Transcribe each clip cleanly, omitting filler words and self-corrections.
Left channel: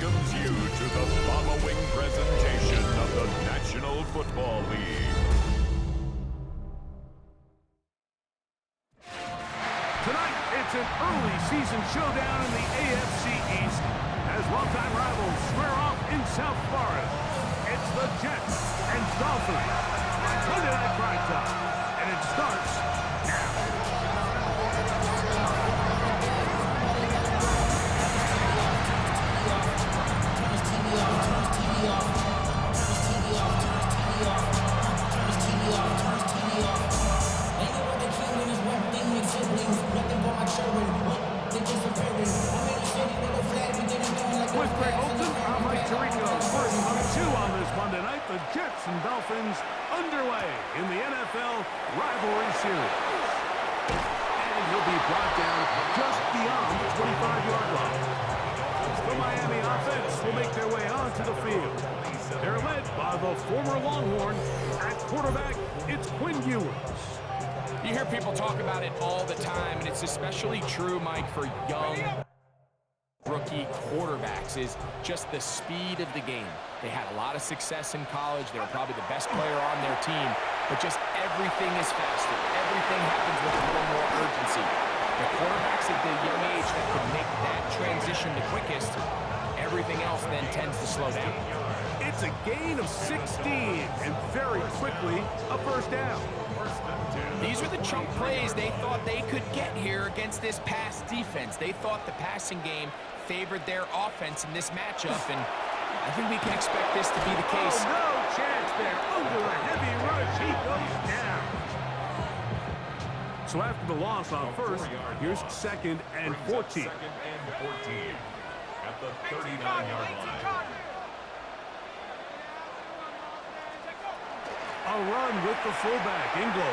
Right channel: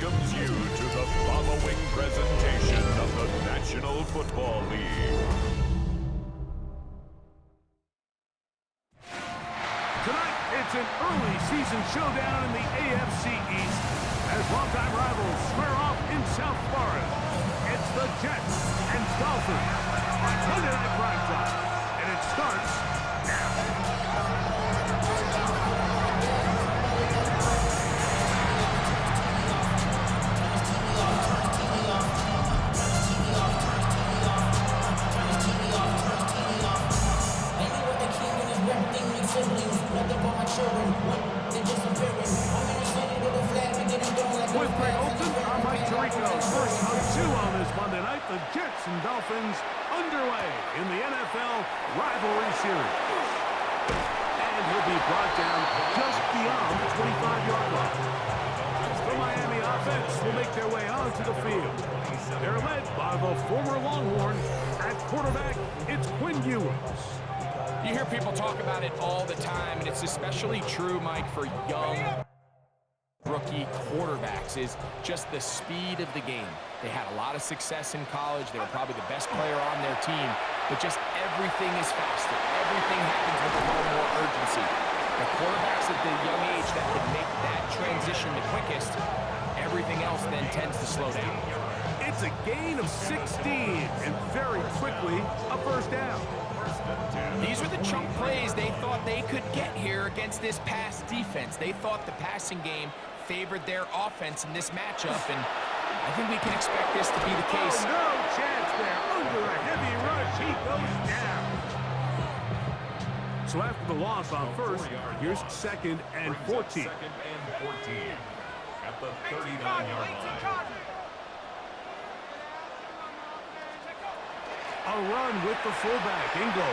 welcomes you to the following presentation of the National Football League. Tonight, it's an early season showdown in the AFC East as longtime rivals square off in South Florida. It's the Jets and Dolphins on Monday Night Prime Time, and it starts now. Ain't no other king in this rap thing, make siblings. Nothing but my children. What? They're disappearing. I'm in a city with a flag beginning throwing like With Greg Olson, I'm Mike Tirico. First of two on this Monday night, the Jets and Dolphins underway in the NFL Rivalry Series. And he'll be brought down just beyond the 25-yard line. The Miami offense will make their way onto the field. They're led by the former Longhorn. At quarterback, it's Quinn Ewers. You hear people talk about it all the time, and it's especially true, Mike, for young rookie quarterbacks, is just the speed of the game. They had a lot of success in college. They were probably the best player on their team, but just everything is faster. Everything happens with a little more urgency. The quarterbacks at the young age that can make that transition the quickest, everything else then tends to slow down. It's a gain of 16, and very quickly, a first down. These are the chunk plays they thought they could get here against this pass defense. They thought the passing game favored their offense in this matchup, and I think we can expect this to be the case. Oh, no chance there. Under a heavy rush, he goes down. So after the loss on first, here's second and 14. Second and 14 at the 39-yard line. A run with the fullback, Inglo.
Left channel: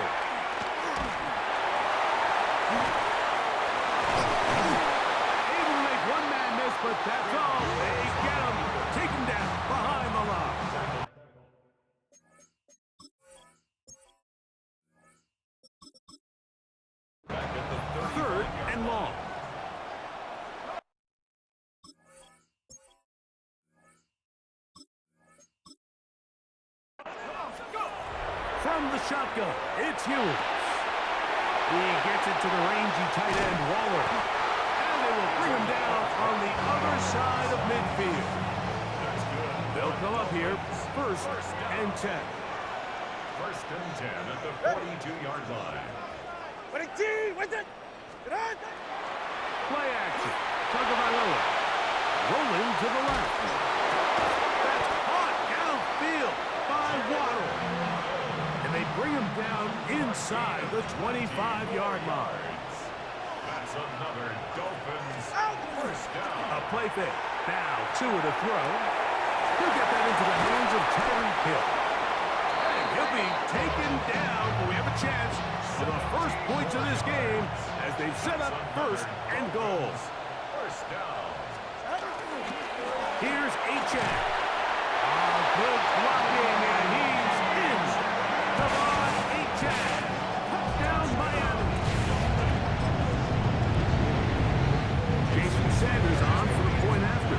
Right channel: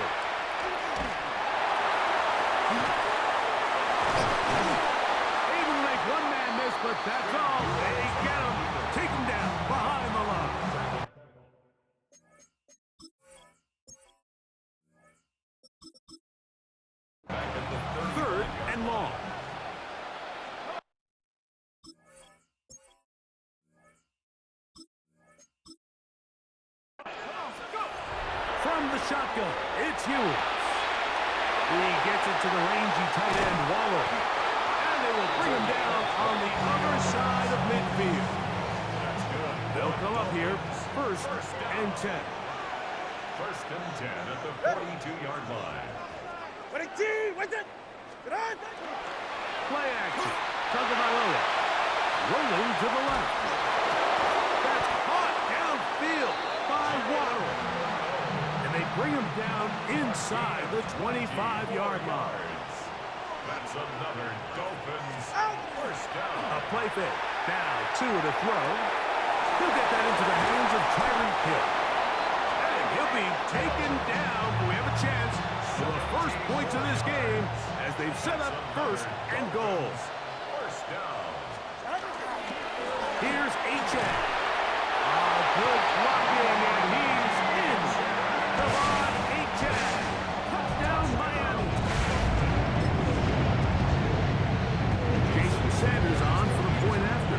Able to make one man miss, but that's all. They get him. Take him down behind the line. Back at the 3rd and long. From the shotgun, it's Ewers. He gets it to the rangy tight end, Waller. And they will bring him down on the other side of midfield. That's good. They'll come up here, first and 10. First and 10 at the 42-yard line. Play action. Tagovailoa rolling to the left. That's caught downfield by Waddle. And they bring him down inside the 25-yard line. That's another Dolphins first down. A play fake. Now 2 to the throw. He'll get that into the hands of Tyreek Hill. And he'll be taken down, but we have a chance for the first points of this game as they've set up first and goal. First down. Here's Achane. Good blocking, and he's in. Come on, Achane. Touchdown, Miami. Jason Sanders on for the point after.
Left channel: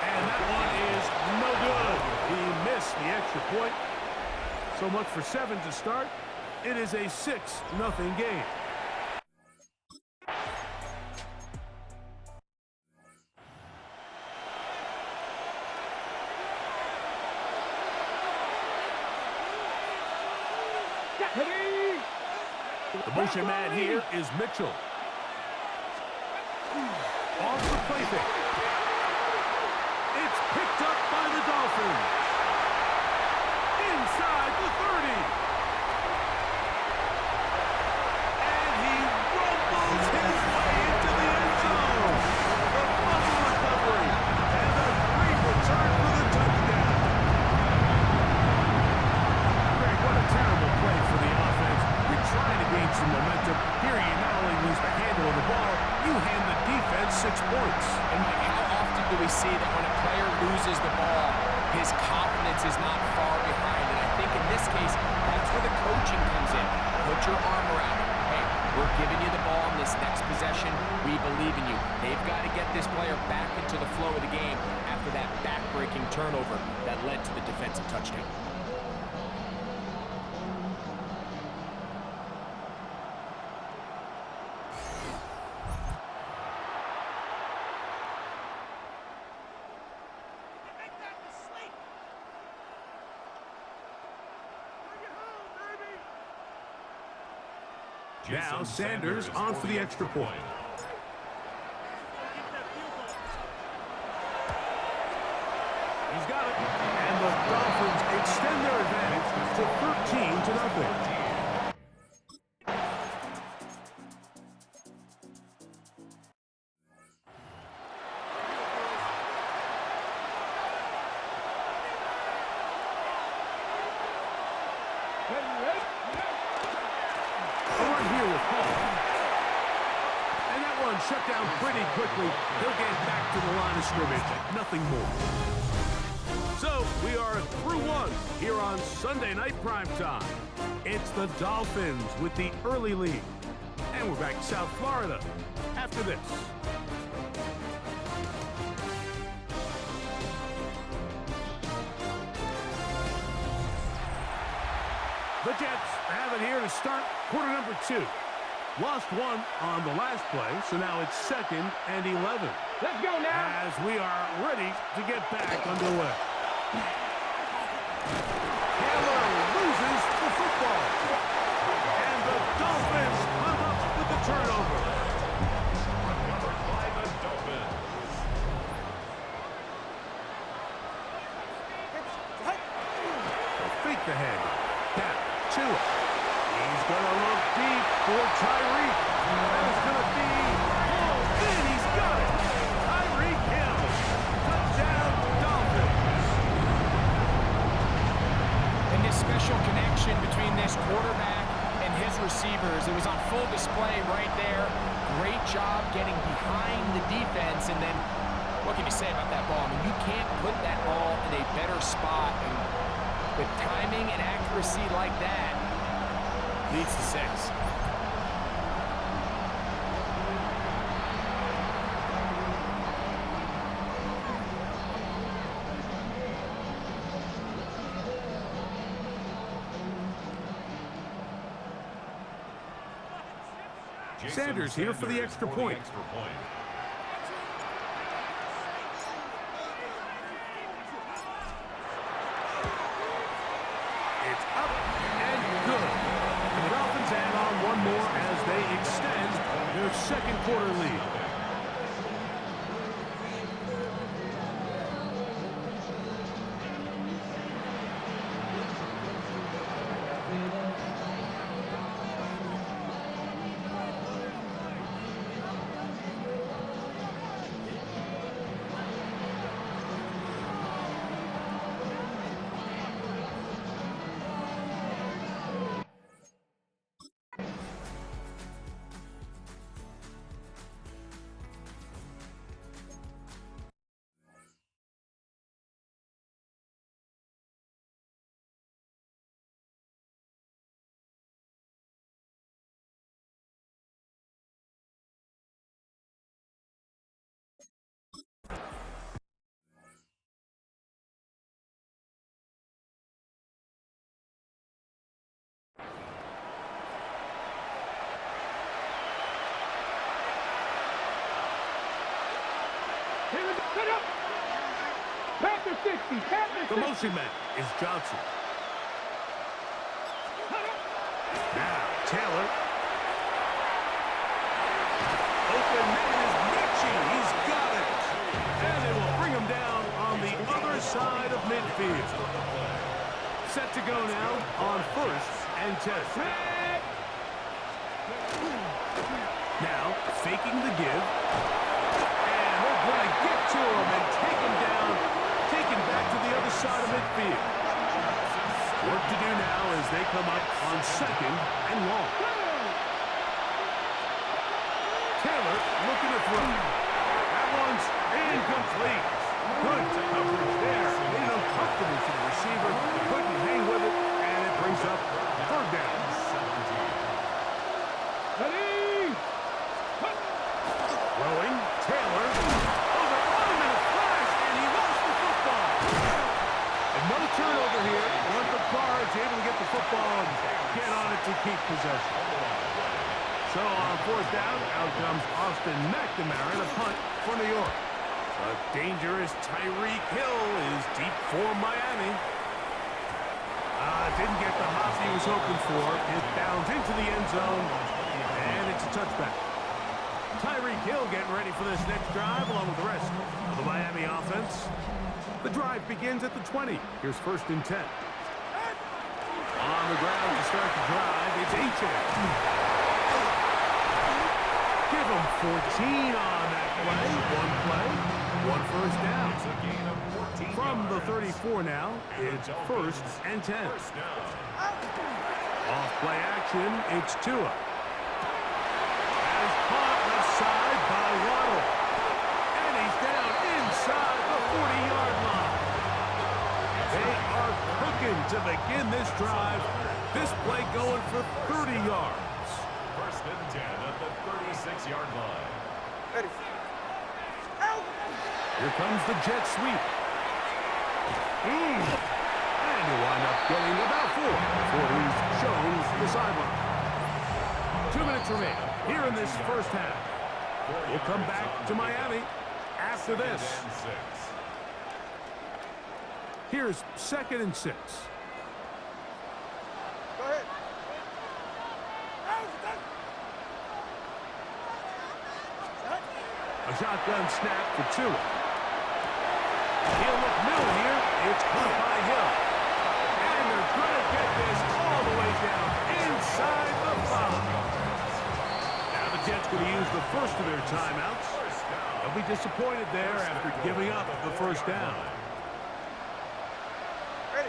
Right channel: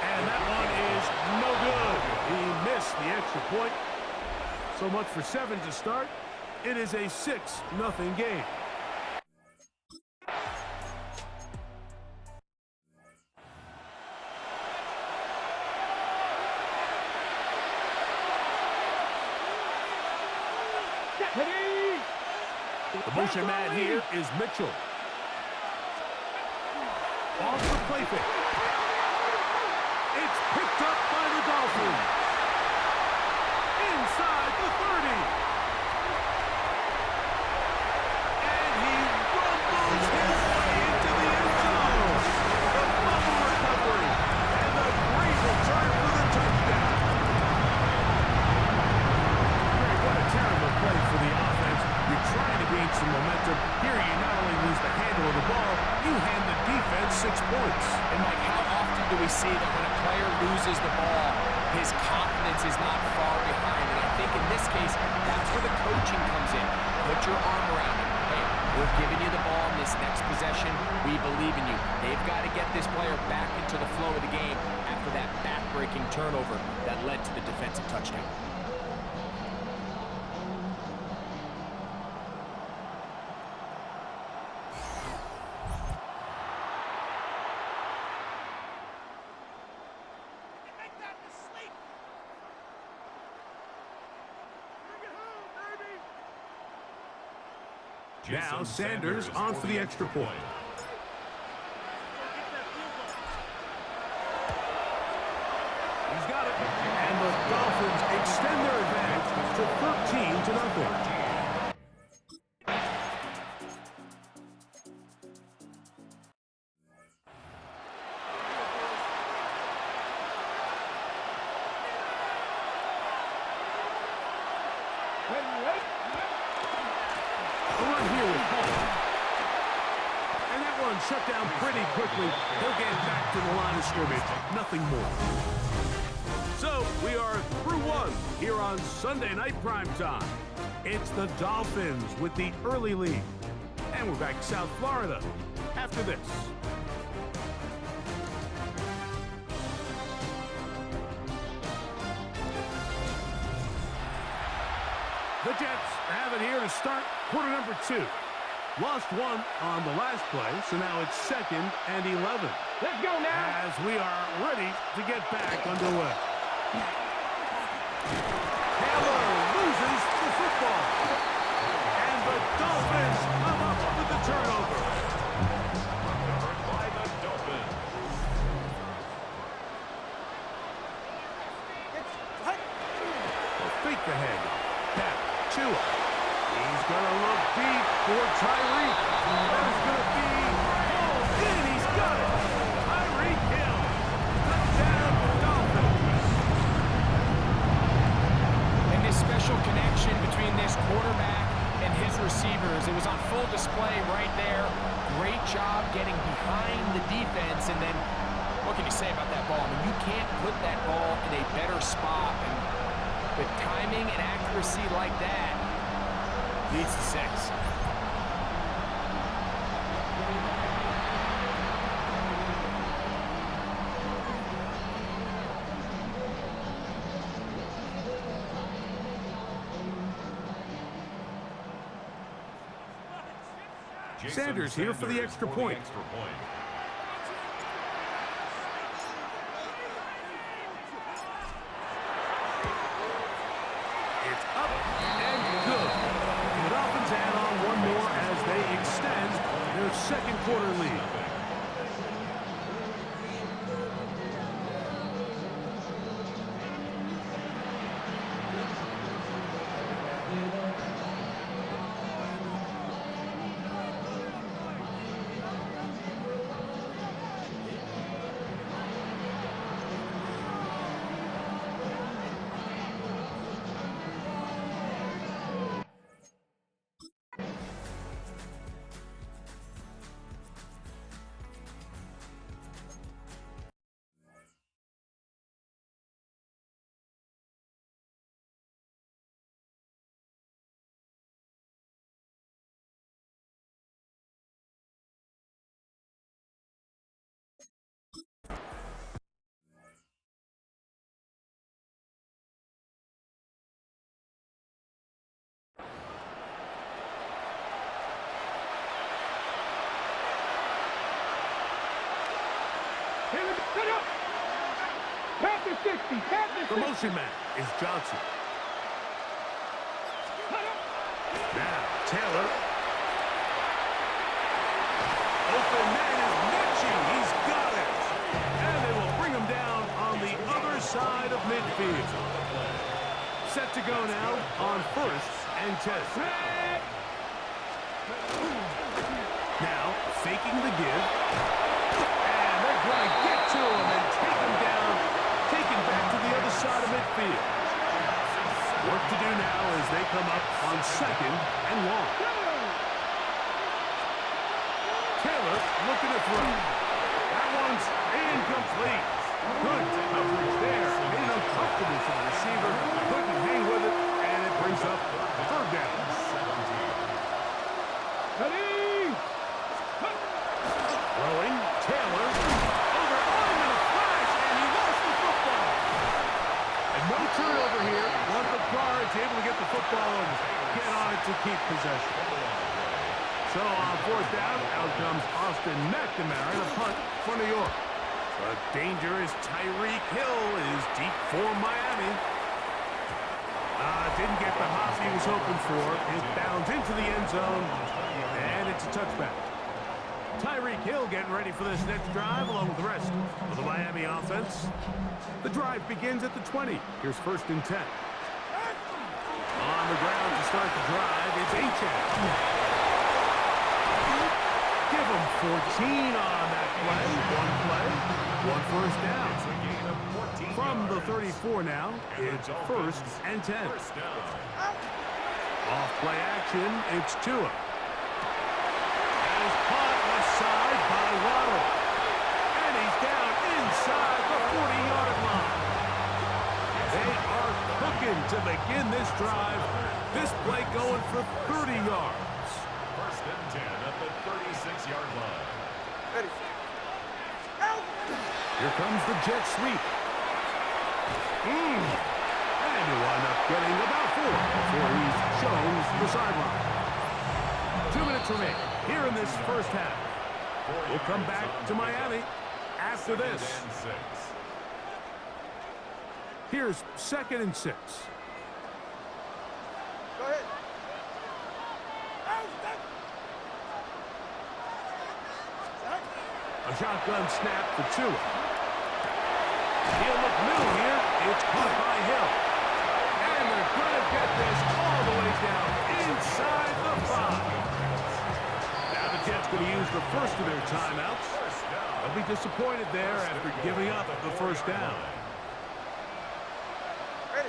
And that one is no good. He missed the extra point. So much for 7 to start. It is a 6-0 game. The motion man here is Mitchell. Off the play fake. It's picked up by the Dolphins. Inside the 30. And he rumbles his way into the end zone. The fumble recovery. And a great return for the touchdown. Greg, what a terrible play for the offense. You're trying to gain some momentum. Here you not only lose the handle of the ball, you hand the defense 6 points. And Mike, how often do we see that when a player loses the ball, his confidence is not far behind? And I think in this case, that's where the coaching comes in. Put your arm around him. Hey, we're giving you the ball in this next possession. We believe in you. They've got to get this player back into the flow of the game after that back-breaking turnover that led to the defensive touchdown. Now Sanders on for the extra point. He's got it. And the Dolphins extend their advantage to 13-0. Shut down pretty quickly. He'll get back to the line of scrimmage. Nothing more. So we are through one here on Sunday Night Primetime. It's the Dolphins with the early lead. And we're back in South Florida after this. The Jets have it here to start quarter number 2. Lost one on the last play, so now it's 2nd and 11. Let's go now. As we are ready to get back underway. Taylor loses the football. And the Dolphins come up with the turnover. Recovered by the Dolphins. They'll fake the handoff. Now, Tua. He's going to look deep for Tyreek. That is going to be pulled in. He's got it. Tyreek Hill. Touchdown, Dolphins. And this special connection between this quarterback and his receivers, it was on full display right there. Great job getting behind the defense. And then, what can you say about that ball? I mean, you can't put that ball in a better spot. And with timing and accuracy like that, leads to 6. Sanders here for the extra point. It's up and good. And the Dolphins add on one more as they extend their second quarter lead. Here we go. Set up. Panther 60. Panther 60. The motion man is Johnson. Now, Taylor. Open man is Mechie. He's got it. And they will bring him down on the other side of midfield. Set to go now on 1st and 10. Now, faking the give. And they're going to get to him and take him down, taken back to the other side of midfield. Work to do now as they come up on 2nd and long. Taylor looking to throw. That one's incomplete. Good coverage there. Made it uncomfortable for the receiver. Couldn't hang with it, and it brings up 3rd down. Ready? over here. Want the guards able to get the football and get on it to keep possession. So on fourth down, out comes Austin McNamara, the punt for New York. The dangerous Tyreek Hill is deep for Miami. Didn't get the hop he was hoping for. It bounds into the end zone, and it's a touchback. Tyreek Hill getting ready for this next drive along with the rest of the Miami offense. The drive begins at the 20. Here's 1st and 10. On the ground to start the drive, it's Achane. Give him 14 on that play. One first down. It's a gain of 14 From the yards. 34 now, it's 1st and 10. First down. Off play action, it's Tua. That is caught left side by Waddle. And he's down inside the 40-yard line. They are cooking to begin this drive. This play going for 30 yards. 1st and 10 at the 36-yard line. Ready. Here comes the jet sweep. And he'll wind up getting about 4 before he's shown the sideline. 2 minutes remaining here in this first half. We'll come back to Miami after this. Second and 6. Here's 2nd and 6. Go ahead. A shotgun snap for Tua. He'll look middle here. It's caught by Hill. And they're going to get this all the way down inside the 5. Now the Jets going to use the first of their timeouts. They'll be disappointed there after giving up the first down. Ready.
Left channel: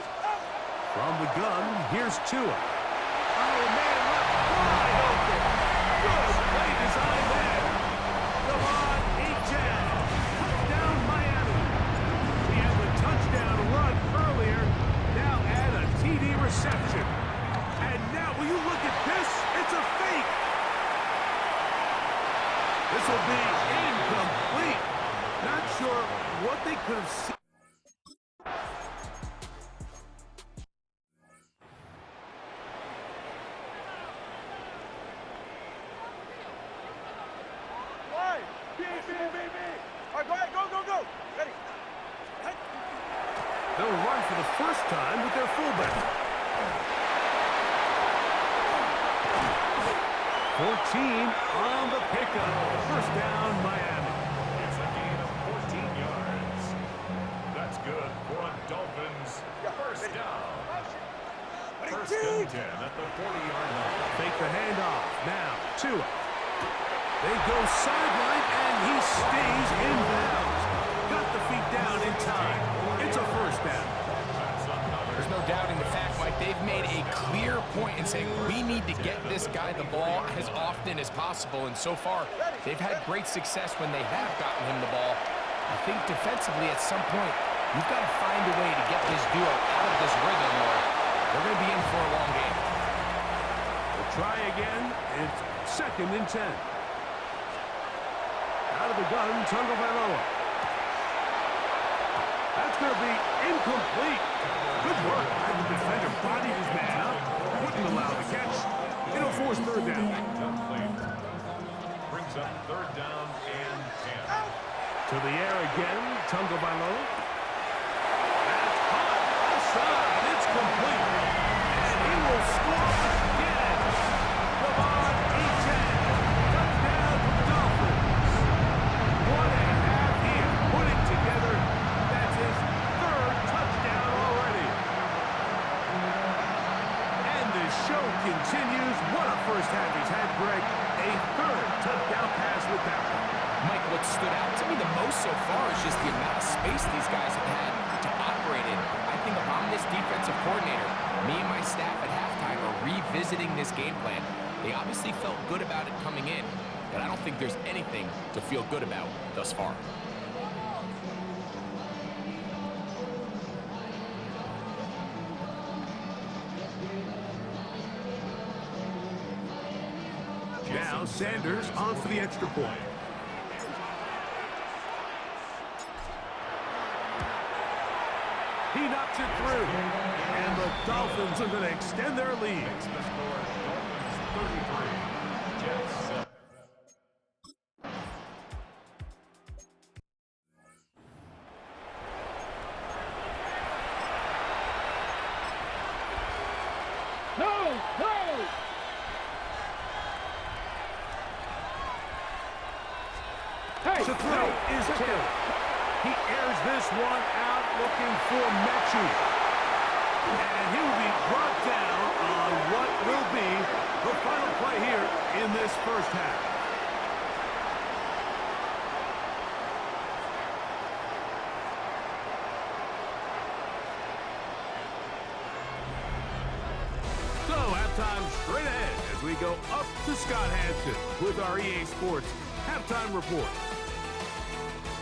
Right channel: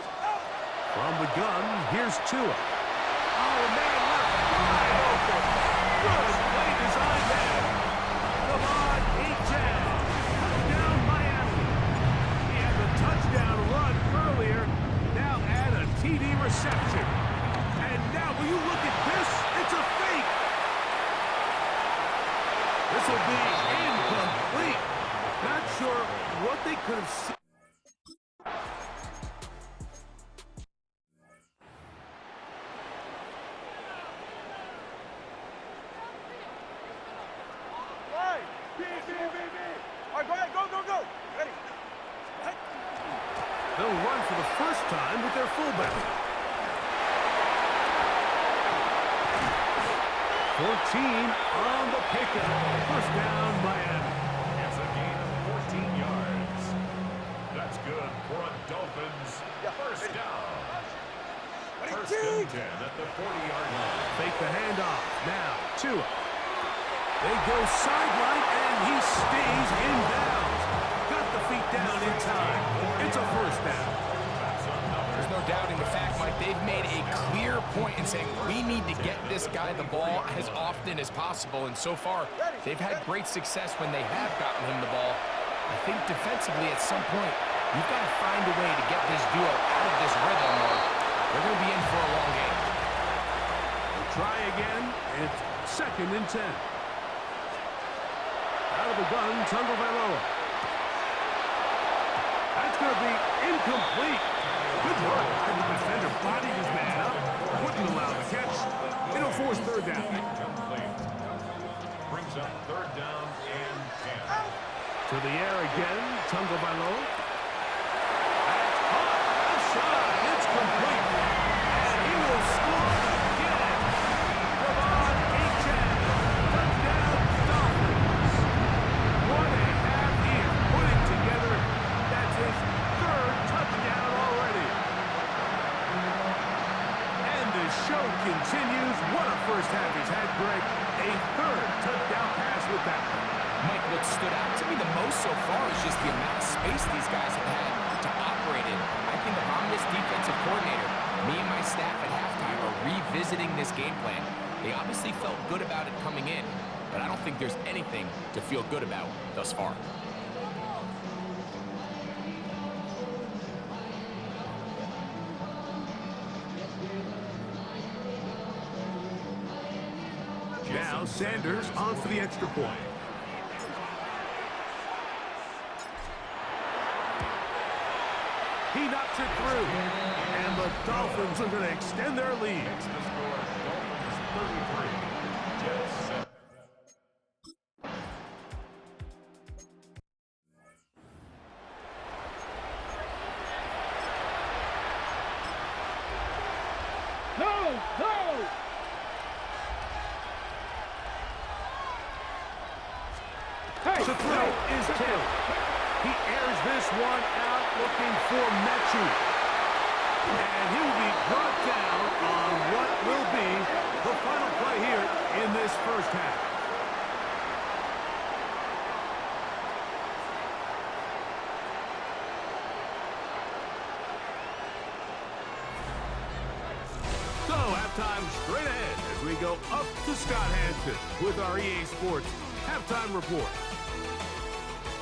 From the gun, here's Tua. Oh, man, left wide open. Good play design there. Come on, Achane. Touchdown, Miami. He had the touchdown run earlier. Now add a TD reception. And now, will you look at this? It's a fake. This will be incomplete. Not sure what they could have seen. B. All right, go ahead. Go. Ready. They'll run for the first time with their fullback. 14 on the pickup. First down, Miami. It's a gain of 14 yards. That's good for a Dolphins first down. First and 10 at the 40-yard line. Fake the handoff. Now, Tua. They go sideline, and he stays in bounds. Got the feet down in time. It's a first down. There's no doubting the fact, Mike, they've made a clear point in saying we need to get this guy the ball as often as possible. And so far, they've had great success when they have gotten him the ball. I think defensively at some point, you've got to find a way to get this duo out of this rhythm or they're going to be in for a long game. We'll try again. It's 2nd and 10. Out of the gun, Tagovailoa. That's going to be incomplete. Good work. The defender bodied his man up. Wouldn't allow the catch. It'll force 3rd down. Complete. Brings up 3rd down and 10. To the air again, Tagovailoa. That's caught. Outside. It's complete. And he will score again. Come on, Achane. Touchdown, Dolphins. What a half he is putting together. That's his 3rd touchdown already. And the show continues. What a first half he's had, Greg. A 3rd touchdown pass with that one. Mike, what stood out to me the most so far is just the amount of space these guys have had to operate in. I think if I'm this defensive coordinator, me and my staff at halftime are revisiting this game plan. They obviously felt good about it coming in, but I don't think there's anything to feel good about thus far. Now Sanders on for the extra point. He knocks it through. Dolphins are going to extend their lead. Makes the score Dolphins 33, Jets 7. To throw is Taylor. He airs this one out looking for Mechie. And he will be brought down on what will be the final play here in this first half. So, halftime straight ahead as we go up to Scott Hansen with our EA Sports Halftime Report.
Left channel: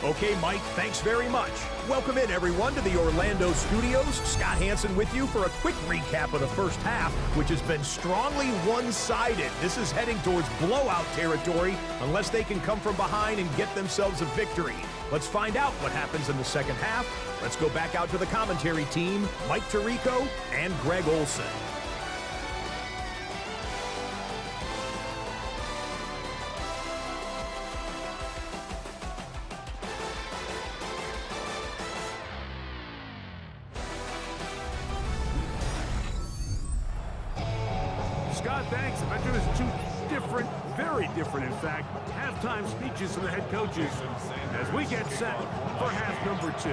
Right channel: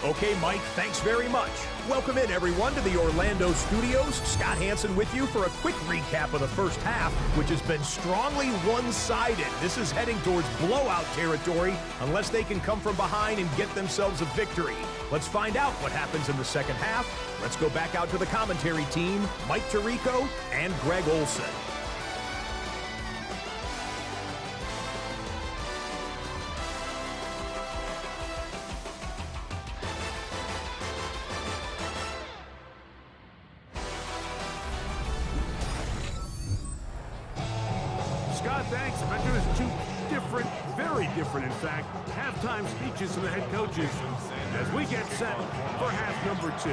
Okay, Mike, thanks very much. Welcome in, everyone, to the Orlando studios. Scott Hansen with you for a quick recap of the first half, which has been strongly one-sided. This is heading towards blowout territory unless they can come from behind and get themselves a victory. Let's find out what happens in the second half. Let's go back out to the commentary team, Mike Tirico and Greg Olson. Scott, thanks. I bet you there's two different, very different, in fact, halftime speeches from the head coaches as we get set for half number 2.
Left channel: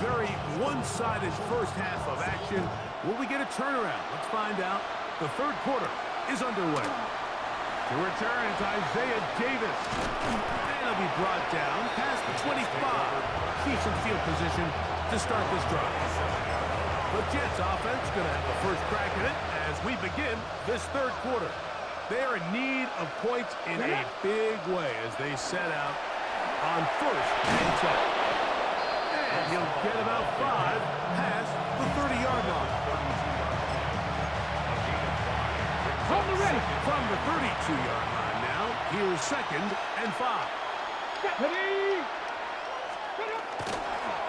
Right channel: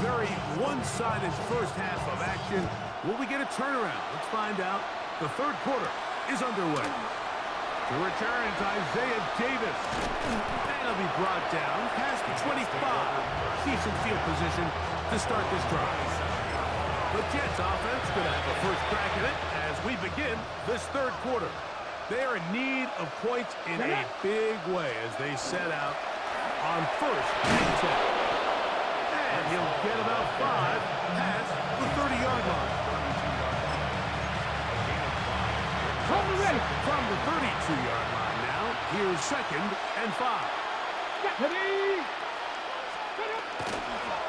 Very one-sided first half of action. Will we get a turnaround? Let's find out. The third quarter is underway. To return is Isaiah Davis. And he'll be brought down past the 25. Decent field position to start this drive. The Jets offense going to have a first crack at it as we begin this third quarter. They are in need of points in a big way as they set out on first and 10. And he'll get about 5 past the 30-yard line. From the 32-yard line now, here's second and 5.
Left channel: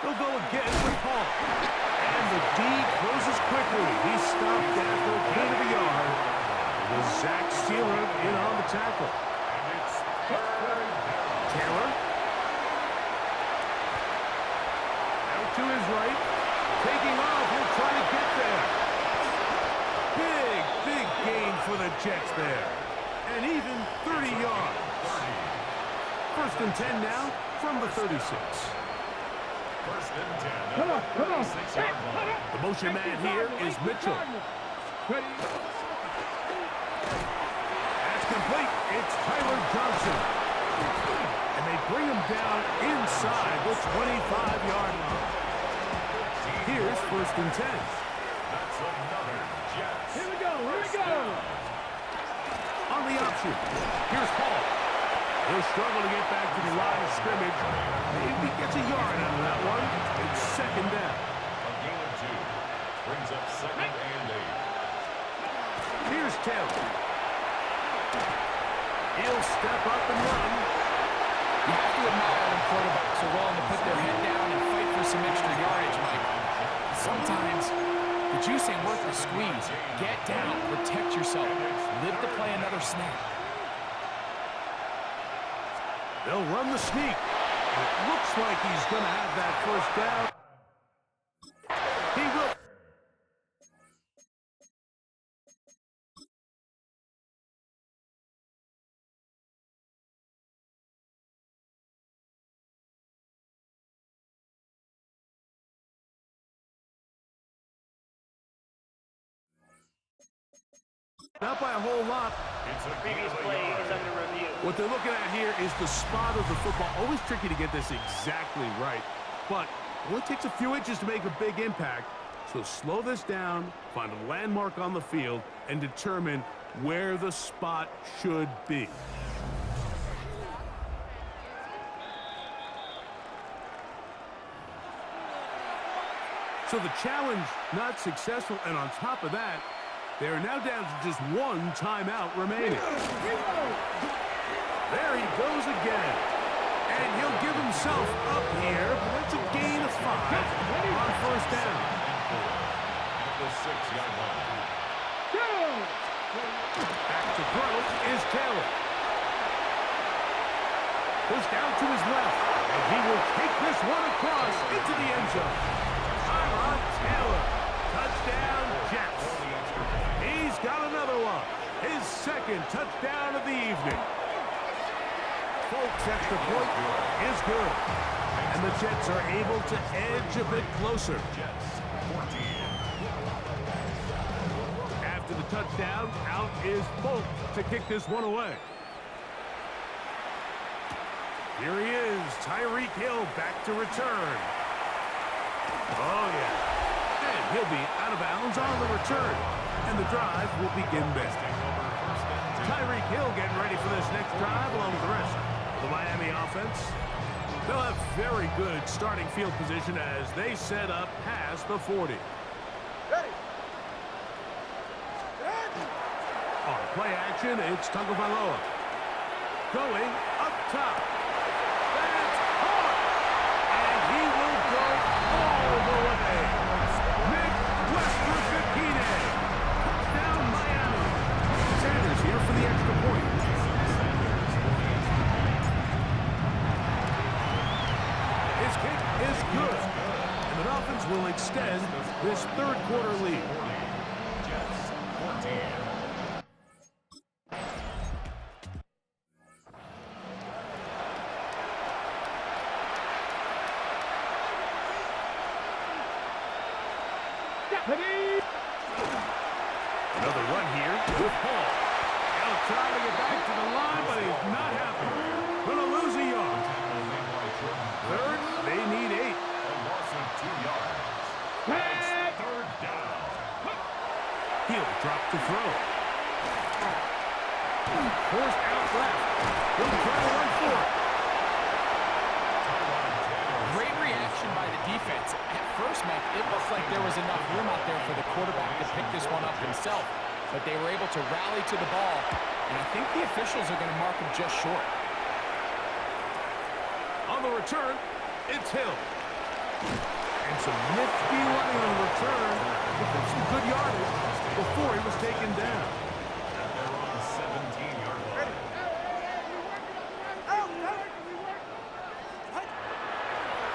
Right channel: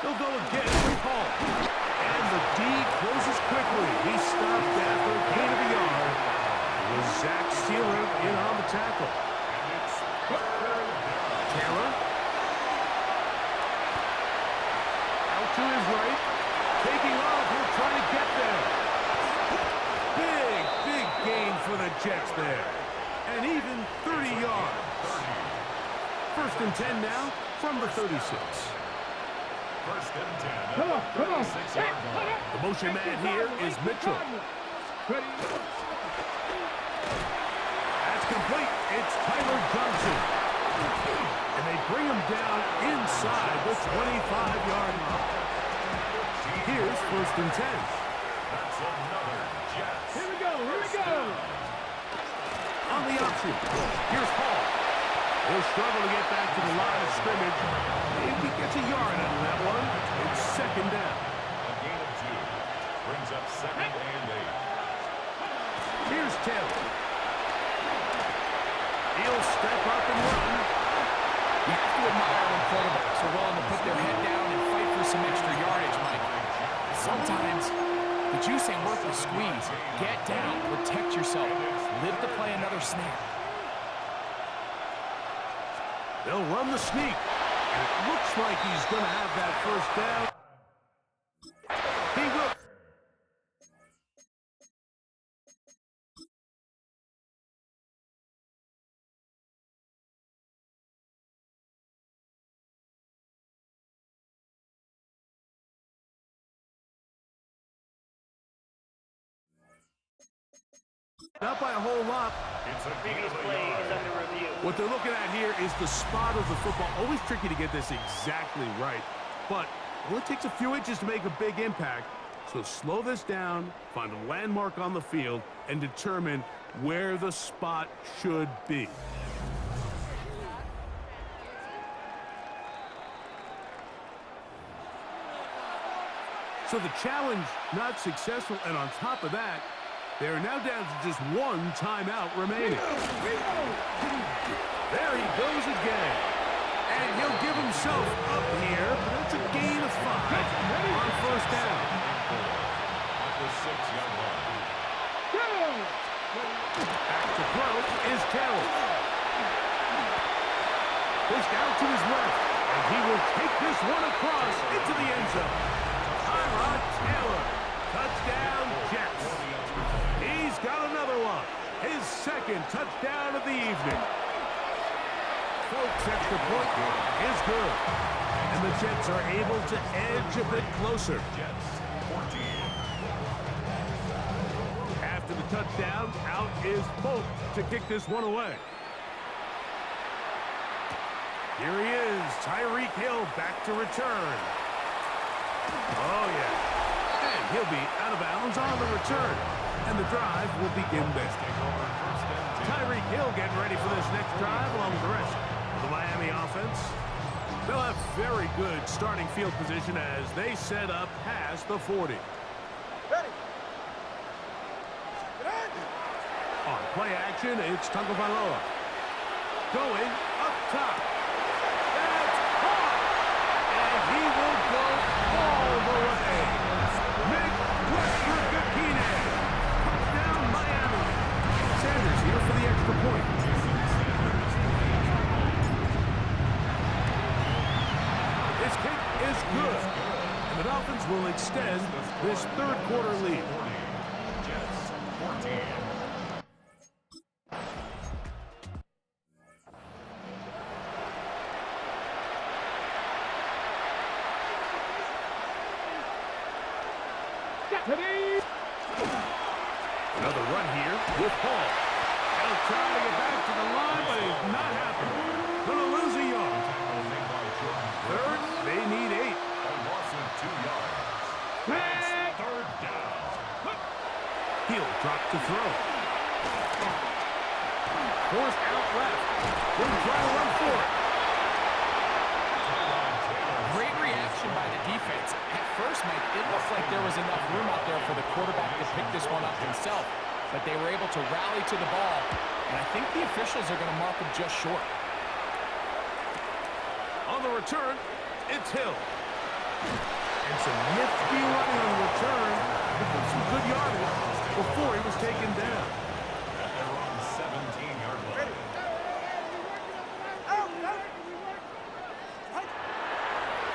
He'll go again with Paul. And the D closes quickly. He stopped after a gain of a yard. It was Zach Sealer in on the tackle. And it's third down. Taylor. Out to his right. Taking off. He'll try to get there. Big gain for the Jets there. And even 30 yards. First and 10 now from the 36. First and 10 at the 36-yard line. The motion man here is Mitchell. That's complete. It's Tyler Johnson. And they bring him down inside the 25-yard line. Here's first and 10. That's another Jets. Here we go. On the option, here's Paul. He'll struggle to get back to the line of scrimmage. Maybe gets a yard out of that one. It's second down. A gain of 2 brings up second and 8. Here's Taylor. He'll step up and run. You have to admire when quarterbacks are willing to put their head down and fight for some extra yardage, Mike. Sometimes the juice ain't worth the squeeze. Get down, protect yourself, live to play another snap. They'll run the sneak. And it looks like he's going to have that first down. He will. Not by a whole lot. It's a Previous play is under review. What they're looking at here is the spot of the football. Always tricky to get this exactly right, but it only takes a few inches to make a big impact. So slow this down, find a landmark on the field, and determine where the spot should be. So the challenge not successful, and on top of that, they are now down to just one timeout remaining. There he goes again. And he'll give himself up here, but that's a gain of 5 on first down. at the 6-yard line. Back to throw is Taylor. Goes down to his left, and he will take this one across into the end zone. Tyrod Taylor. Touchdown, Jets. He's got another one. His second touchdown of the evening. Folks, extra point is good. And the Jets are able to edge a bit closer. Jets 14. After the touchdown, out is Folk to kick this one away. Here he is, Tyreek Hill back to return. Oh, yeah. And he'll be out of bounds on the return. And the drive will begin there. Tyreek Hill getting ready for this next drive along with the rest of the Miami offense. They'll have very good starting field position as they set up past the 40. Ready. On play action, it's Tagovailoa. Going up top. That's caught! And he will go all the way. Nick Westbrook-Akine. Touchdown, Miami. Sanders here for the extra point. His kick is good. And the Dolphins will extend this third quarter lead. Jets 14. Another run here with Hall. He'll try to get back to the line, but he's not happening. Gonna lose a yard. Third, they need 8. A loss of 2 yards. It's third down. He'll drop to throw. Forced out left. He'll try to run for it. Great reaction by the defense. At first, Mike, it looked like there was enough room out there for the quarterback to pick this one up himself, but they were able to rally to the ball, and I think the officials are going to mark him just short. On the return, it's Hill. And some nifty running on the return. Picked up some good yardage before he was taken down. At their own 17-yard line.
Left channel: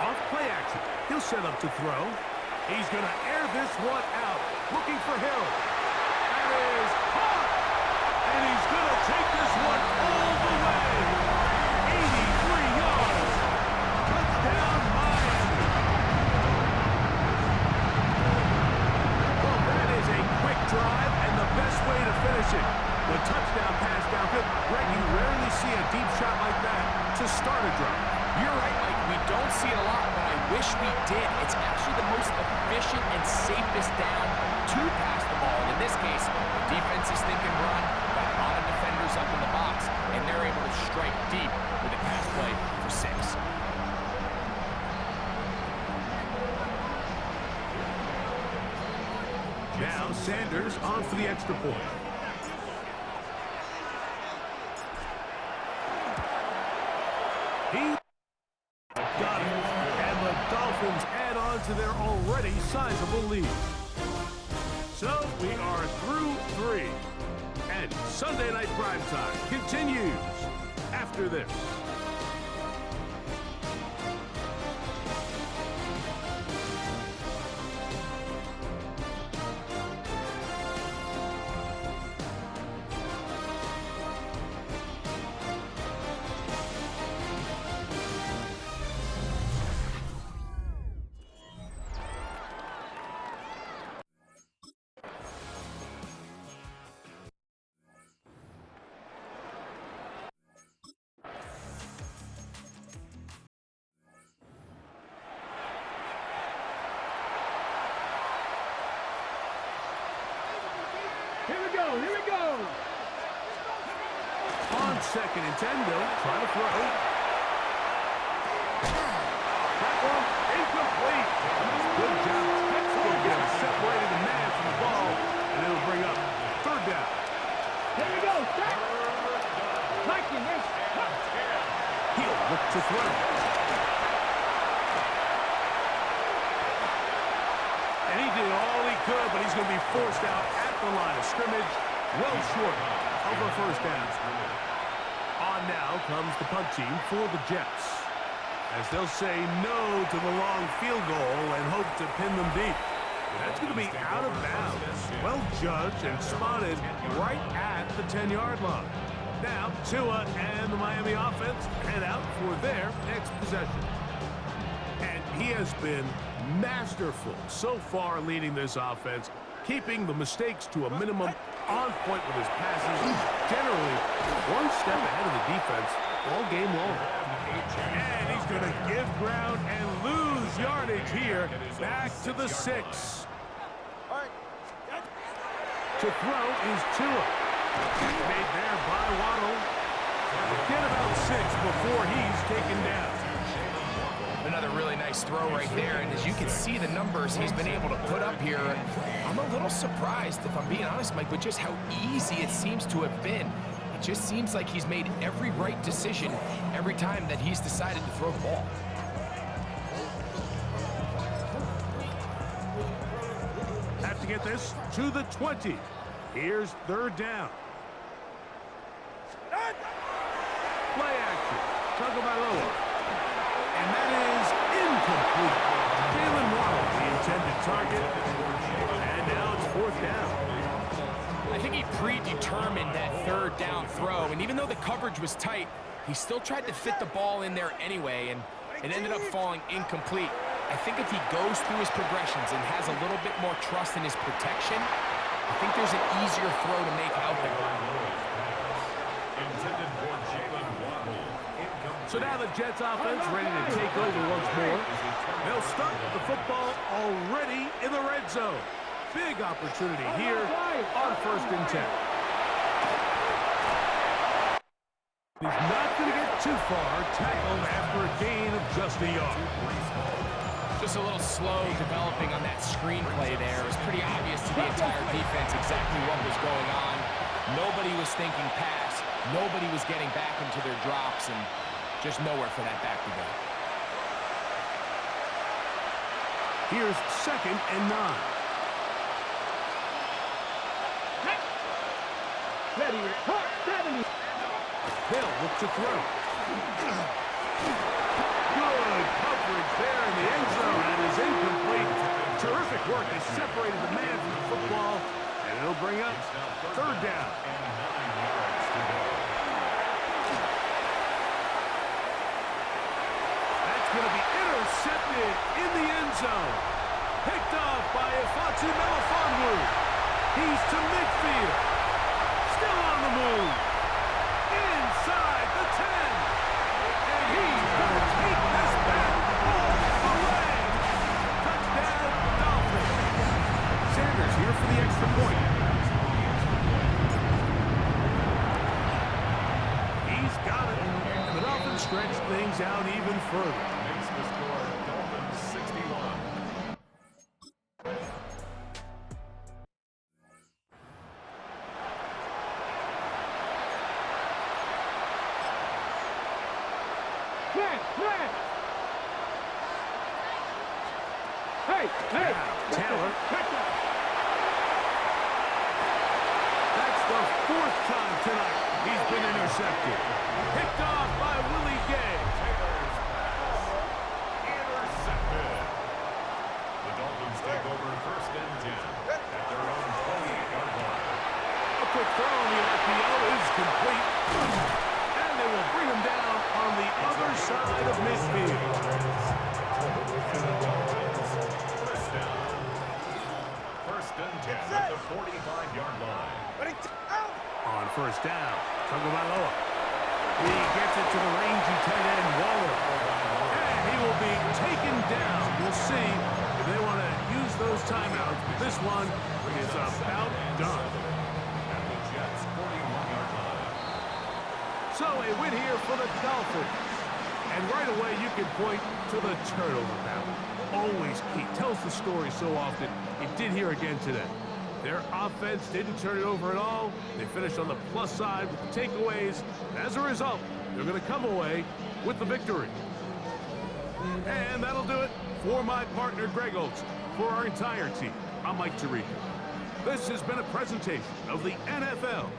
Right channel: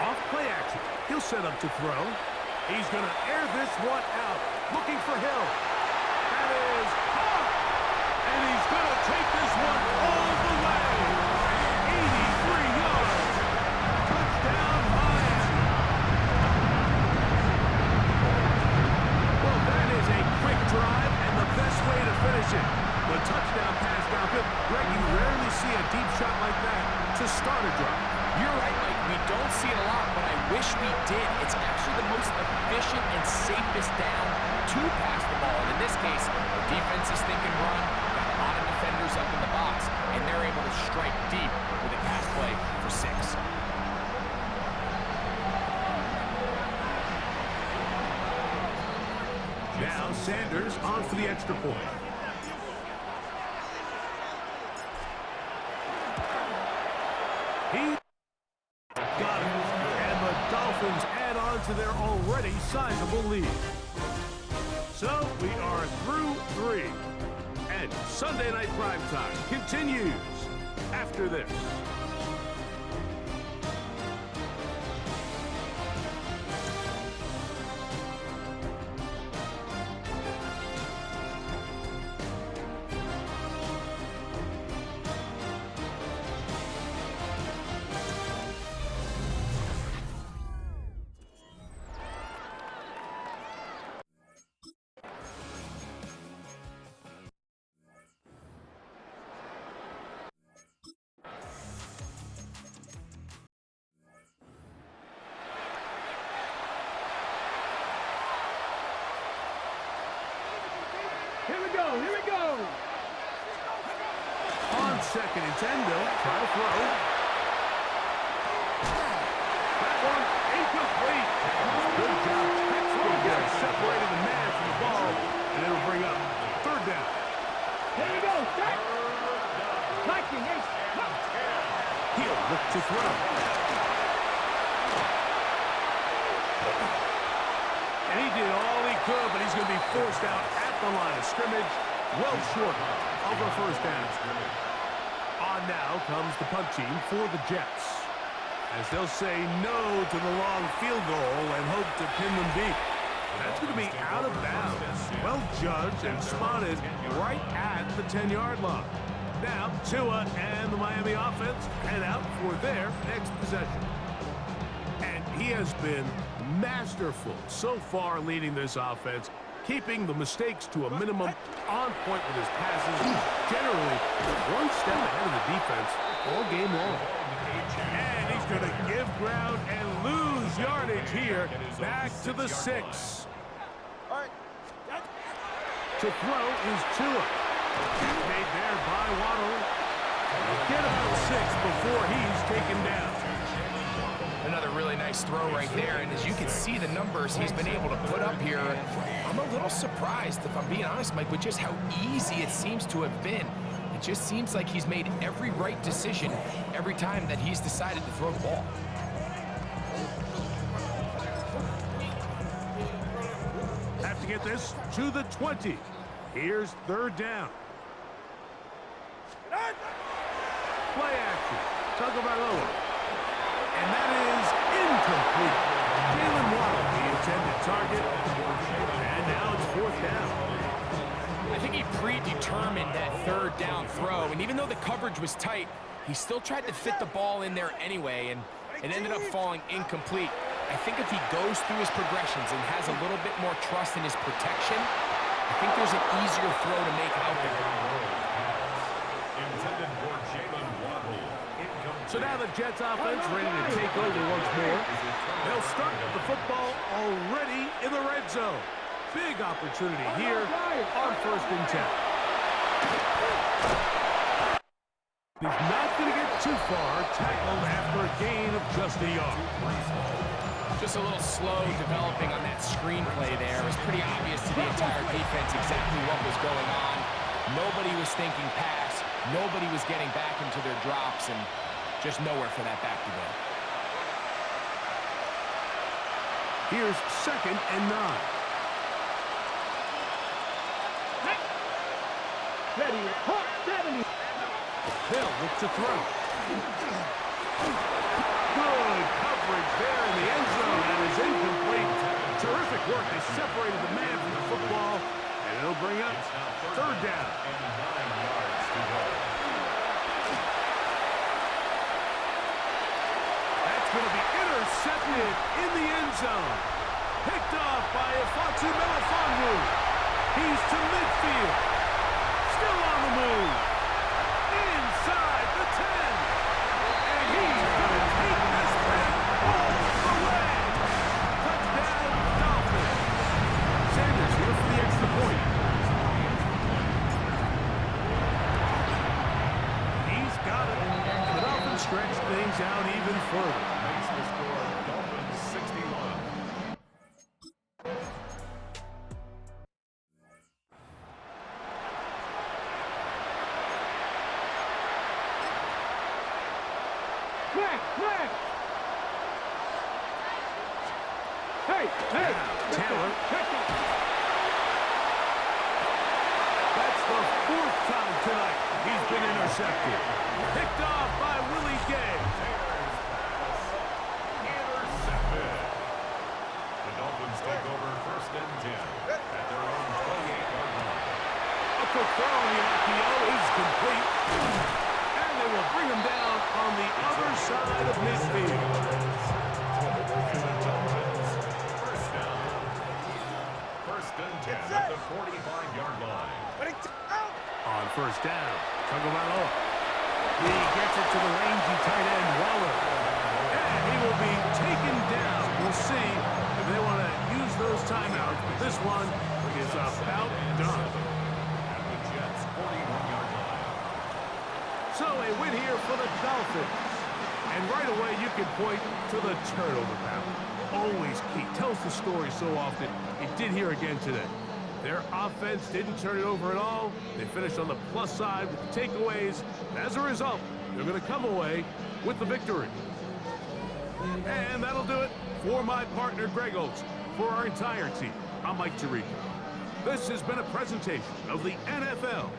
Off play action. He'll set up to throw. He's going to air this one out. Looking for Hill. That is caught. And he's going to take this one all the way. 83 yards. Touchdown, Miami. Well, that is a quick drive and the best way to finish it. The touchdown pass downfield. Greg, you rarely see a deep shot like that to start a drive. You're right, Mike. We don't see it a lot, but I wish we did. It's actually the most efficient and safest down to pass the ball. And in this case, the defense is thinking run, got a lot of defenders up in the box, and they're able to strike deep with a pass play for 6. Now Sanders on for the extra point. He got it. And the Dolphins add on to their already sizable lead. So we are through 3. And Sunday Night Primetime continues after this. Here we go. On 2nd and 10, they'll try to throw. That one incomplete. Good job. Textbook there. Separated the man from the ball, and it'll bring up 3rd down. Here we go. Start. He'll look to throw. And he did all he could, but he's going to be forced out at the line of scrimmage, well short of a first down. On now comes the punt team for the Jets, as they'll say no to the long field goal and hope to pin them deep. That's going to be out of bounds. Well judged and spotted right at the 10-yard line. Now, Tua and the Miami offense head out for their next possession. And he has been masterful so far leading this offense, keeping the mistakes to a minimum, on point with his passes, generally one step ahead of the defense all game long. And he's going to give ground and lose yardage here, back to the 6. To throw is Tua. It's made there by Waddle. He'll get about 6 before he's taken down. Another really nice throw right there, and as you can see the numbers he's been able to put up here, I'm a little surprised, if I'm being honest, Mike, with just how easy it seems to have been. It just seems like he's made every right decision every time that he's decided to throw the ball. Have to get this to the 20. Here's third down. Play action. Tagovailoa. And that is incomplete. Jalen Waddle, the intended target. And now it's fourth down. I think he predetermined that third down throw, and even though the coverage was tight, he still tried to fit the ball in there anyway, and it ended up falling incomplete. I think if he goes through his progressions and has a little bit more trust in his protection, I think there's an easier throw to make out there. Intended for Jalen Waddle. So now the Jets offense ready to take over once more. They'll start with the football already in the red zone. Big opportunity here on 1st and 10. He's not going to get too far, tackled after a gain of just a yard. Just a little slow developing on that screenplay there. It was pretty obvious to the entire defense exactly what was going on. Nobody was thinking pass. Nobody was getting back into their drops, and just nowhere for that back to go. Here's 2nd and 9. Ready, hot 70. They'll look to throw. Good coverage there in the end zone. That is incomplete. Terrific work. They separated the man from the football, and it'll bring up third down. And 9 yards to go. That's going to be intercepted in the end zone. Picked off by Ifeatu Melifonwu. He's to midfield. Still on the move. Inside the 10. And he's going to take this back all the way. Touchdown, Dolphins. Sanders here for the extra point. He's got it. And the Dolphins stretch things out even further. Makes the score Dolphins 61. Hey, Now, Taylor. That's the 4th time tonight he's been intercepted. Picked off by Willie Gay. Taylor's pass intercepted. The Dolphins take over 1st and 10 at their own 28-yard line. A quick throw on the RPO is complete. And they will bring him down on the other side of midfield. And the Dolphins, 1st down. 1st and 10 at the 45-yard line. On 1st down, Tagovailoa. He gets it to the rangy tight end, Waller. And he will be taken down. We'll see if they want to use those timeouts. But this one is about done. At the Jets' 41-yard line. So a win here for the Dolphins. And right away you can point to the turnover battle. Always key. Tells the story so often. It did here again today. Their offense didn't turn it over at all. They finished on the plus side with the takeaways. And as a result, they're going to come away with the victory. And that'll do it for my partner, Greg Olson. For our entire team, I'm Mike Tirico. This has been a presentation of the NFL